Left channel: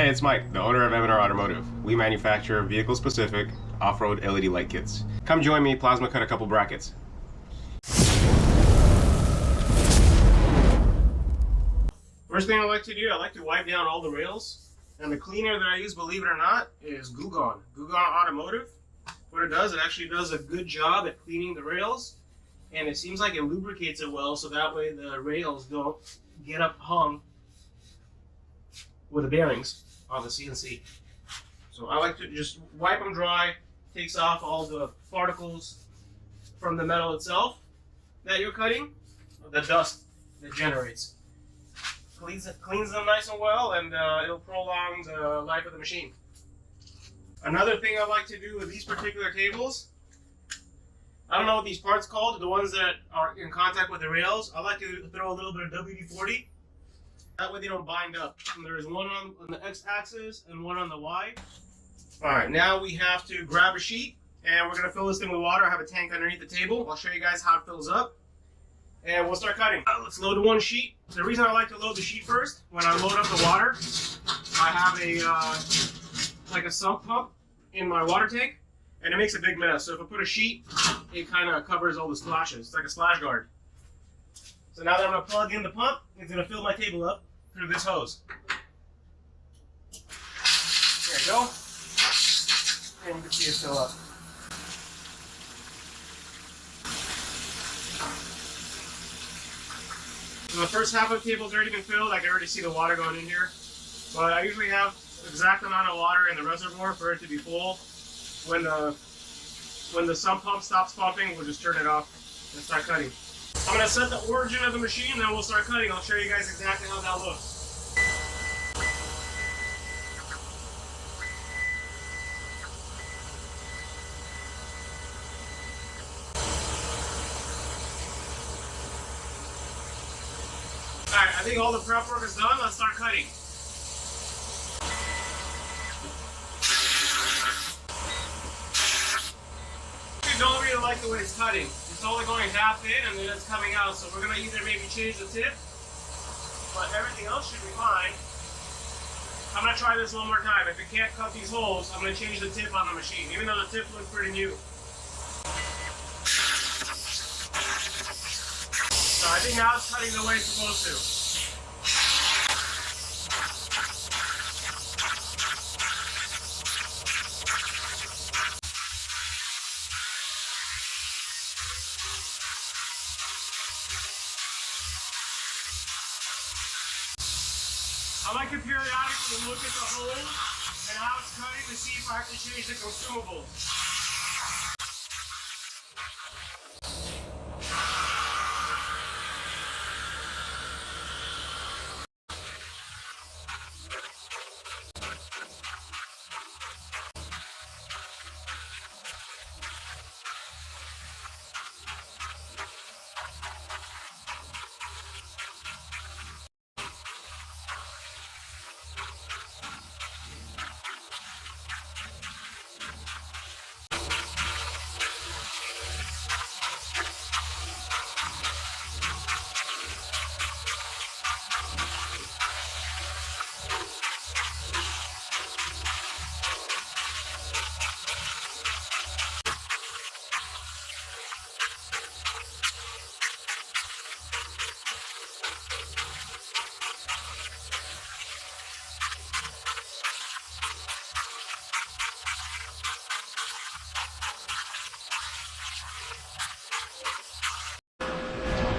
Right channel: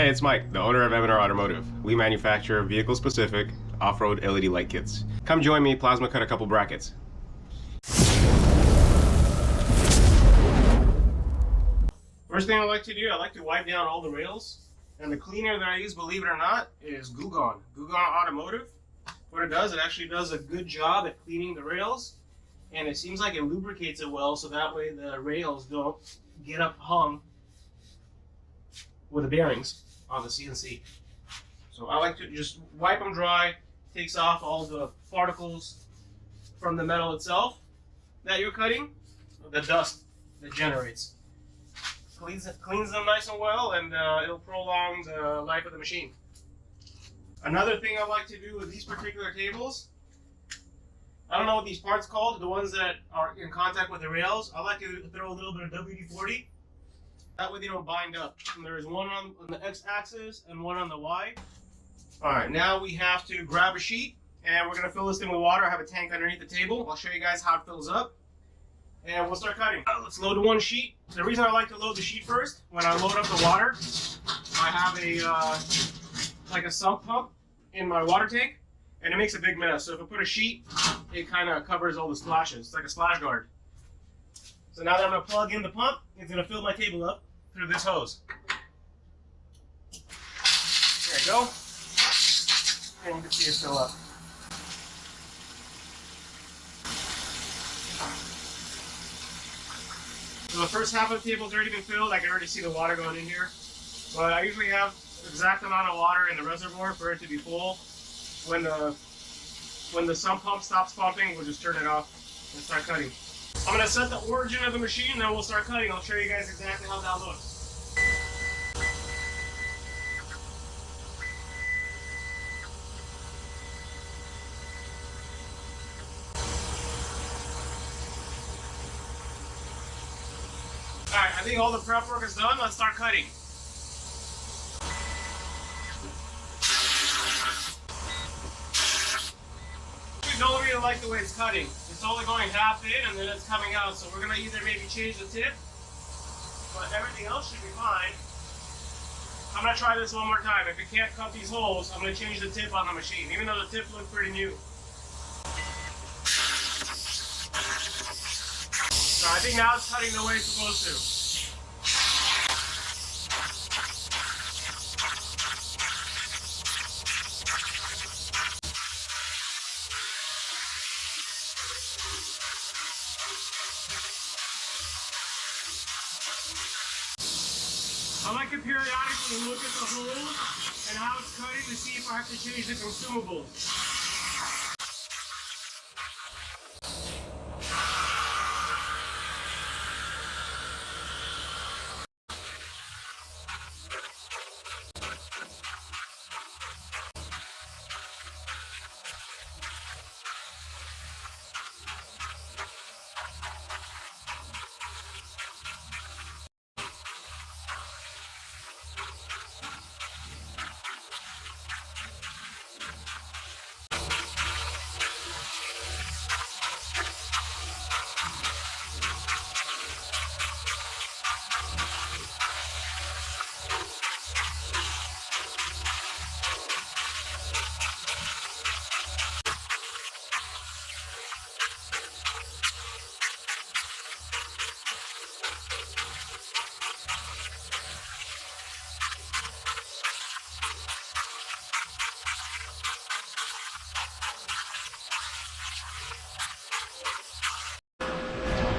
Hey, it's Mike, the owner of M&R Automotive. We manufacture vehicle-specific off-road LED light kits. Come join me, plasma cut a couple brackets. First thing I like to do, I like to wipe down all the rails. And the cleaner that I use, believe it or not, is Glugon. Glugon Automotive. What it does, it actually does a good job at cleaning the rails. And it seems like it lubricates it well, so that way the rails don't get up hung with the bearings on the CNC. So I like to just wipe them dry, takes off all the particles from the metal itself that you're cutting, the dust that generates. Cleans them nice and well, and it'll prolong the life of the machine. Another thing I like to do with these particular tables, I don't know what these parts called, the ones that are in contact with the rails, I like to throw a little bit of WD-40. That way they don't bind up. And there's one on the X-axis and one on the Y. Alright, now we have to grab a sheet, and we're going to fill this thing with water. I have a tank underneath the table. I'll show you guys how it fills up. And we'll start cutting. Let's load one sheet. The reason I like to load the sheet first, when I load up the water, I have like a sump pump in my water tank, and it makes a big mess. So if I put a sheet, it kind of covers all the splashes. It's like a splash guard. So now that I'm going to plug in the pump, it's going to fill my table up through this hose. There you go. And we can just fill up. So the first half of the table's already been filled. I can already see the water going in here. But I usually have the exact amount of water in the reservoir for it to be full. When the sump pump stops pumping, we'll just turn it off and start cutting. I'm going to set the origin of the machine, then we'll start cutting. I'll show you guys exactly how that looks. Alright, I think all the prep work is done. Let's start cutting. I don't really like the way it's cutting. It's only going half in and then it's coming out. So we're going to either maybe change the tip, but everything else should be fine. I'm going to try this one more time. If it can't cut these holes, I'm going to change the tip on the machine, even though the tip looks pretty new. So I think now it's cutting the way it's supposed to. I like to periodically look at the hole and how it's cutting to see if I have to change the consumables.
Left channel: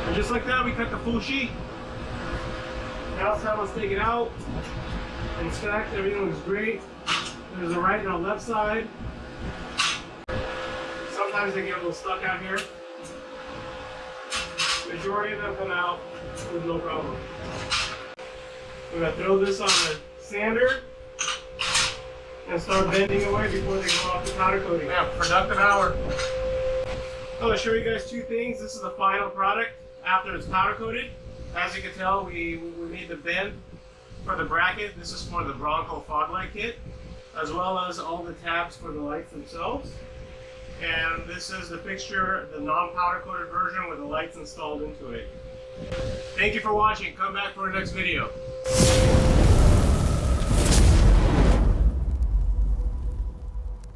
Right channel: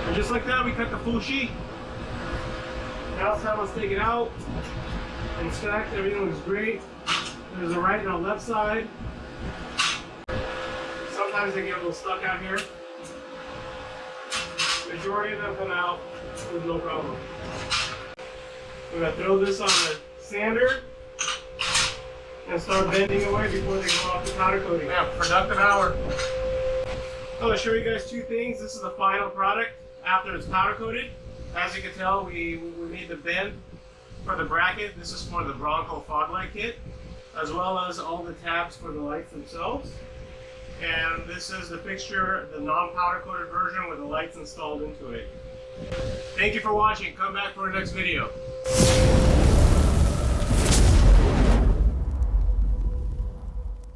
And just like that, we cut the full sheet. Now let's take it out. Stacked, everything was great. There's a right and a left side. Sometimes they get a little stuck out here. Majority of them come out with no problem. We're going to throw this on the sander and start bending away before they go off the powder coating. Yeah, productive hour. I'm going to show you guys two things. This is the final product after it's powder coated. As you can tell, we made the bend for the bracket. This is for the Bronco Fog light kit, as well as all the tabs for the lights themselves. And this is the fixture, the non-powder coated version with the lights installed into it. Thank you for watching. Come back for our next video.